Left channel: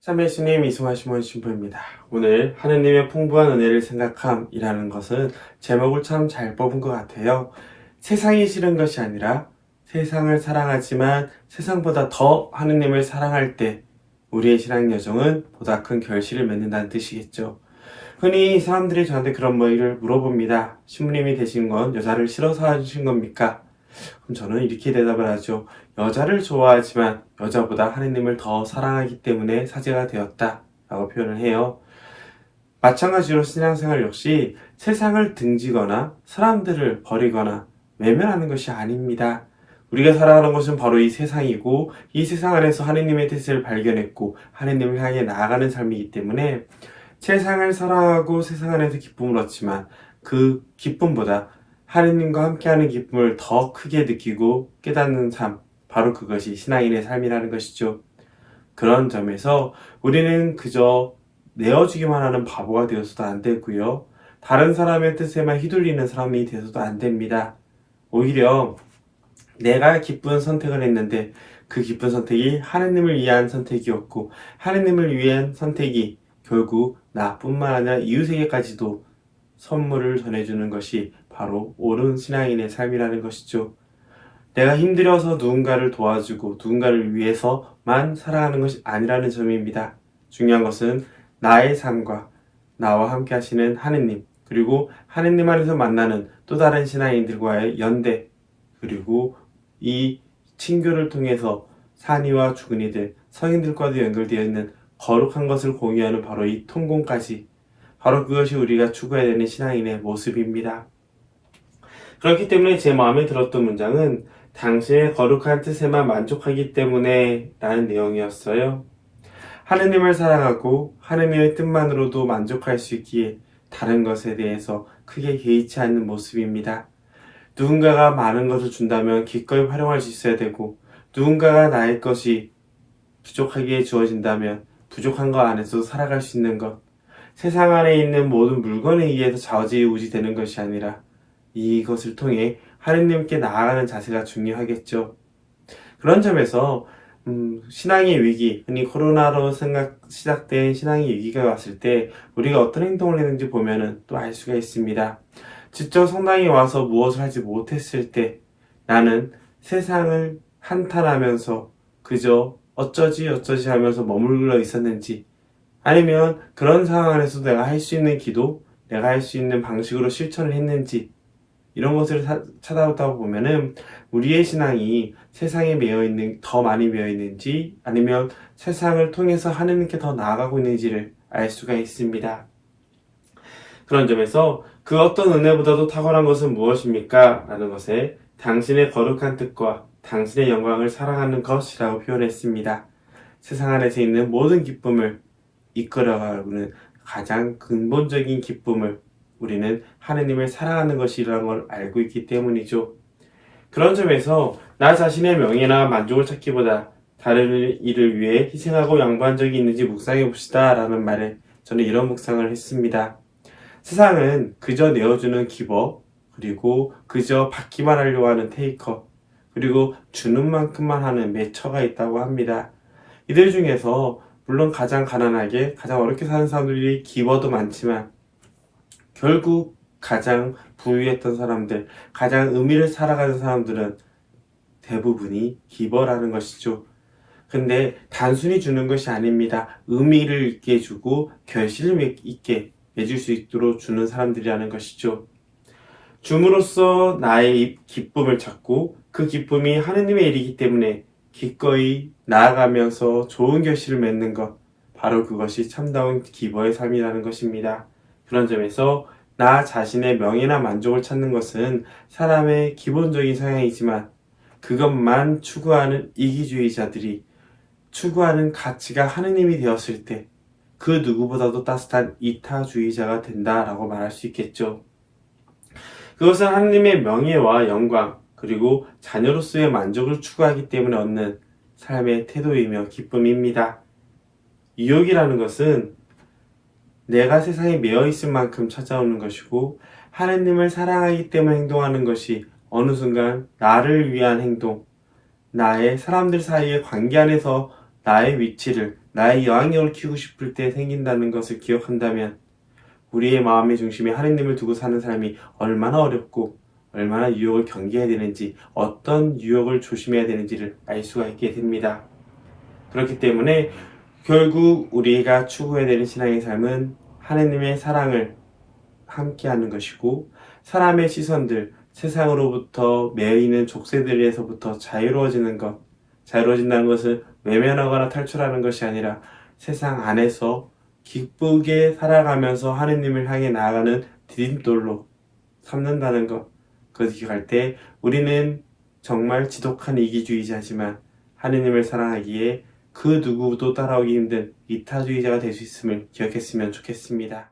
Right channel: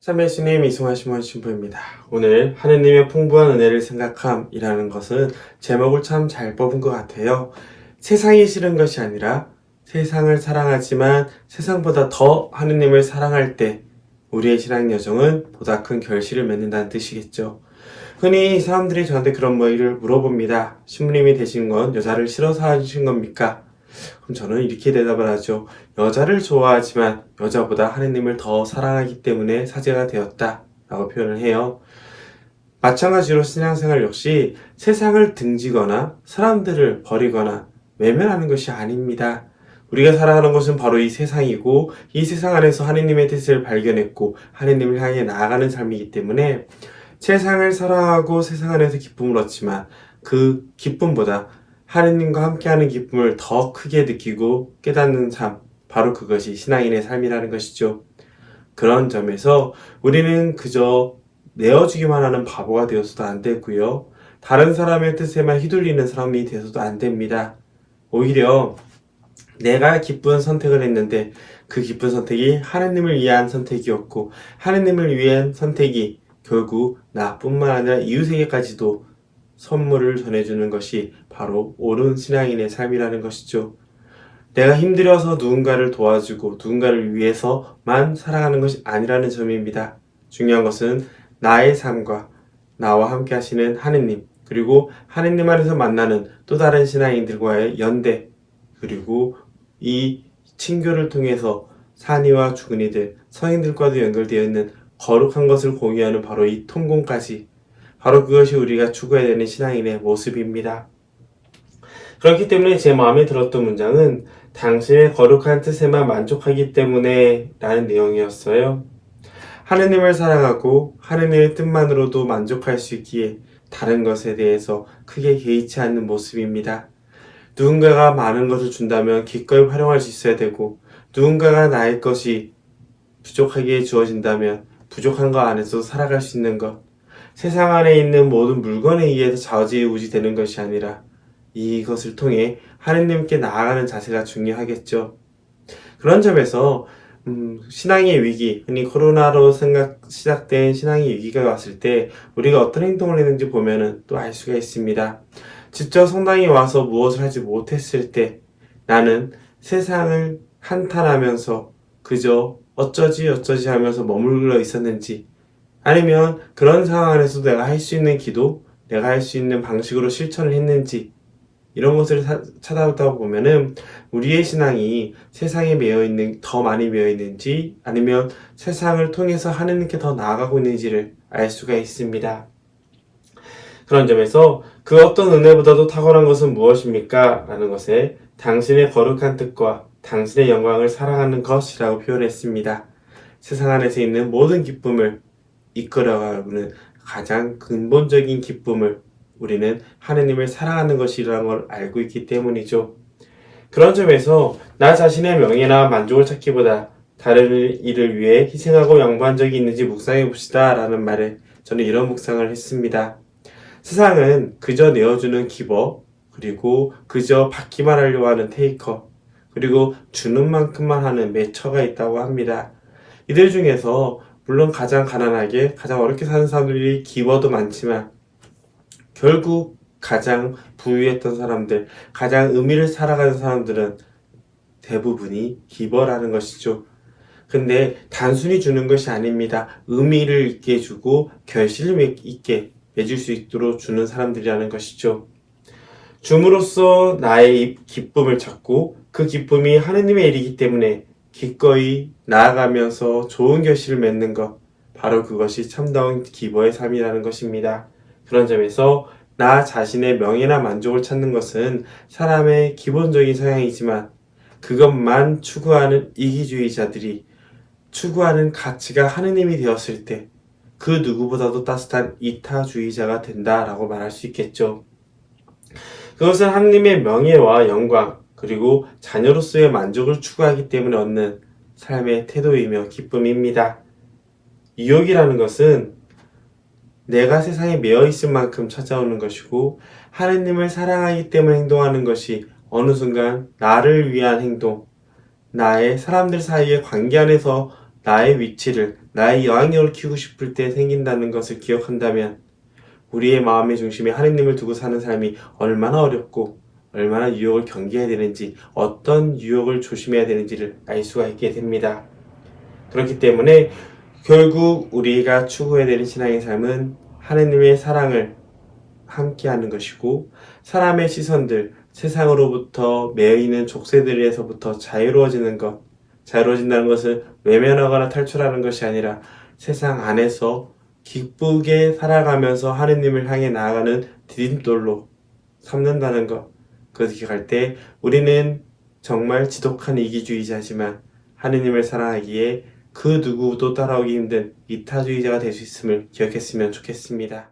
참회신의 미승화 시몬 신부입니다. 오늘 하느님의 풍부한 은혜를 생각함이라는 것은 제목을 참 잘 뽑은 것 같아요. 세상이 싫은 것이 아니라 세상을 사랑하지만 세상보다 더 하느님을 사랑할 때 우리의 신앙 여정은 보다 큰 결실을 맺는다는 뜻이겠죠. 흔히 사람들이 저한테 그런 말을 물어봅니다. 신부님이 되신 건 여자를 싫어서 하신 겁니까? 그럼 저는 이렇게 대답을 하죠. 여자를 좋아하지만 여자보다 하느님을 더 사랑하기 때문에 사제가 되었다 라고 표현을 해요. 마찬가지로 신앙생활 역시 세상을 등지거나 사람들을 버리거나 외면하는 것이 아닙니다. 우리가 살아가는 것은 바로 이 세상이고 이 세상 안에서 하느님의 뜻을 발견했고 하느님을 향해 나아가는 삶이기 때문에 세상을 사랑하고 세상 안에서 기쁨을 얻지만 그 기쁨보다 하느님과 함께하는 기쁨을 더 크게 느끼고 깨닫는 삶, 바로 그것이 신앙인의 삶이라는 것이죠. 그런 점에서 우리는 그저 내어주기만 하는 바보가 되어서도 안 되고요. 다른 사람의 뜻에만 휘둘리는 사람이 되어서도 안 됩니다. 오히려 내가 기쁜 선택을 했는데 그 기쁜 선택이 하느님을 위한 선택이었고 하느님을 위한 선택이 결국 나뿐만 아니라 이웃에게까지도 선물을 전해주는 것이 바로 옳은 신앙인의 삶이라는 것이죠. 내가 힘들어서 누군가를 도와주고 누군가를 위해서만 살아가는 것이 아니라는 점입니다. 중요한 것은 나의 삶과 나와 함께 하시는 하느님, 그리고 하느님 안에서 만나는 또 다른 신앙인들과의 연대, 그리고 이 친교를 통해서 산이와 주근이들, 성인들과도 연결되어 있는 거룩한 것을 공유하는 바로 이 통공까지, 바로 그것이 우리가 추구해야 되는 신앙인의 모습입니다. 그렇기 때문에 제 마음에 들었던 문장은 당신의 거룩한 뜻에만 만족하기 때문에 라는 내용이었어요. 하느님을 사랑하고 하느님의 뜻만으로도 만족할 수 있기에 다른 것에 대해서 크게 개의치 않는 모습입니다. 누군가가 많은 것을 준다면 기꺼이 활용할 수 있어야 되고 누군가가 나의 것이 부족하게 주어진다면 부족한 것 안에서 살아갈 수 있는 것, 세상 안에 있는 모든 물건에 의해서 좌지우지 되는 것이 아니라 이것을 통해 하느님께 나아가는 자세가 중요하겠죠. 그런 점에서 신앙의 위기, 흔히 코로나로 시작된 신앙의 위기가 왔을 때 우리가 어떤 행동을 했는지 보면은 또 알 수가 있습니다. 직접 성당에 와서 무엇을 하지 못했을 때 나는 세상을 한탄하면서 그저 어쩌지 하면서 머물러 있었는지, 아니면 그런 상황 안에서 내가 할 수 있는 기도, 내가 할 수 있는 방식으로 실천을 했는지, 이런 것을 찾아보다 보면은 우리의 신앙이 세상에 더 많이 매여 있는지 아니면 세상을 통해서 하느님께 더 나아가고 있는지를 알 수가 있습니다. 그런 점에서 그 어떤 은혜보다도 탁월한 것은 무엇입니까? 라는 것에 당신의 거룩한 뜻과 당신의 영광을 사랑하는 것이라고 표현했습니다. 세상 안에서 있는 모든 기쁨을 이끌어가는 가장 근본적인 기쁨을 우리는 하느님을 사랑하는 것이라는 걸 알고 있기 때문이죠. 그런 점에서 나 자신의 명예나 만족을 찾기보다 다른 일을 위해 희생하고 양보한 적이 있는지 묵상해 봅시다 라는 말에 저는 이런 묵상을 했습니다. 세상은 그저 내어주는 기버, 그리고 그저 받기만 하려고 하는 테이커, 그리고 주는 만큼만 하는 매처가 있다고 합니다. 이들 중에서 물론 가장 가난하게 가장 어렵게 사는 사람들이 기버도 많지만 결국 가장 부유했던 사람들, 가장 의미를 살아가는 사람들은 대부분이 기버라는 것이죠. 근데 단순히 주는 것이 아닙니다. 의미를 있게 주고 결실을 있게 맺을 수 있도록 주는 사람들이라는 것이죠. 줌으로써 나의 기쁨을 찾고 그 기쁨이 하느님의 일이기 때문에 기꺼이 나아가면서 좋은 결실을 맺는 것, 바로 그것이 참다운 기버의 삶이라는 것입니다. 그런 점에서 나 자신의 명예나 만족을 찾는 것은 사람의 기본적인 성향이지만 그것만 추구하는 이기주의자들이 추구하는 가치가 하느님이 되었을 때 그 누구보다도 따뜻한 이타주의자가 된다라고 말할 수 있겠죠. 그것은 하느님의 명예와 영광, 그리고 자녀로서의 만족을 추구하기 때문에 얻는 삶의 태도이며 기쁨입니다. 유혹이라는 것은 내가 세상에 매여 있을 만큼 찾아오는 것이고 하느님을 사랑하기 때문에 행동하는 것이 어느 순간 나를 위한 행동, 나의 사람들 사이의 관계 안에서 나의 위치를, 나의 영향력을 키우고 싶을 때 생긴다는 것을 기억한다면 우리의 마음의 중심에 하느님을 두고 사는 삶이 얼마나 어렵고 얼마나 유혹을 경계해야 되는지, 어떤 유혹을 조심해야 되는지를 알 수가 있게 됩니다. 그렇기 때문에 결국 우리가 추구해야 되는 신앙의 삶은 하느님의 사랑을 함께하는 것이고, 사람의 시선들, 세상으로부터 매이는 족쇄들에서부터 자유로워지는 것, 자유로워진다는 것은 외면하거나 탈출하는 것이 아니라 세상 안에서 기쁘게 살아가면서 하느님을 향해 나아가는 디딤돌로 삼는다는 것. 그것을 기억할 때 우리는 정말 지독한 이기주의자지만 하느님을 사랑하기에 그 누구도 따라오기 힘든 이타주의자가 될 수 있음을 기억했으면 좋겠습니다.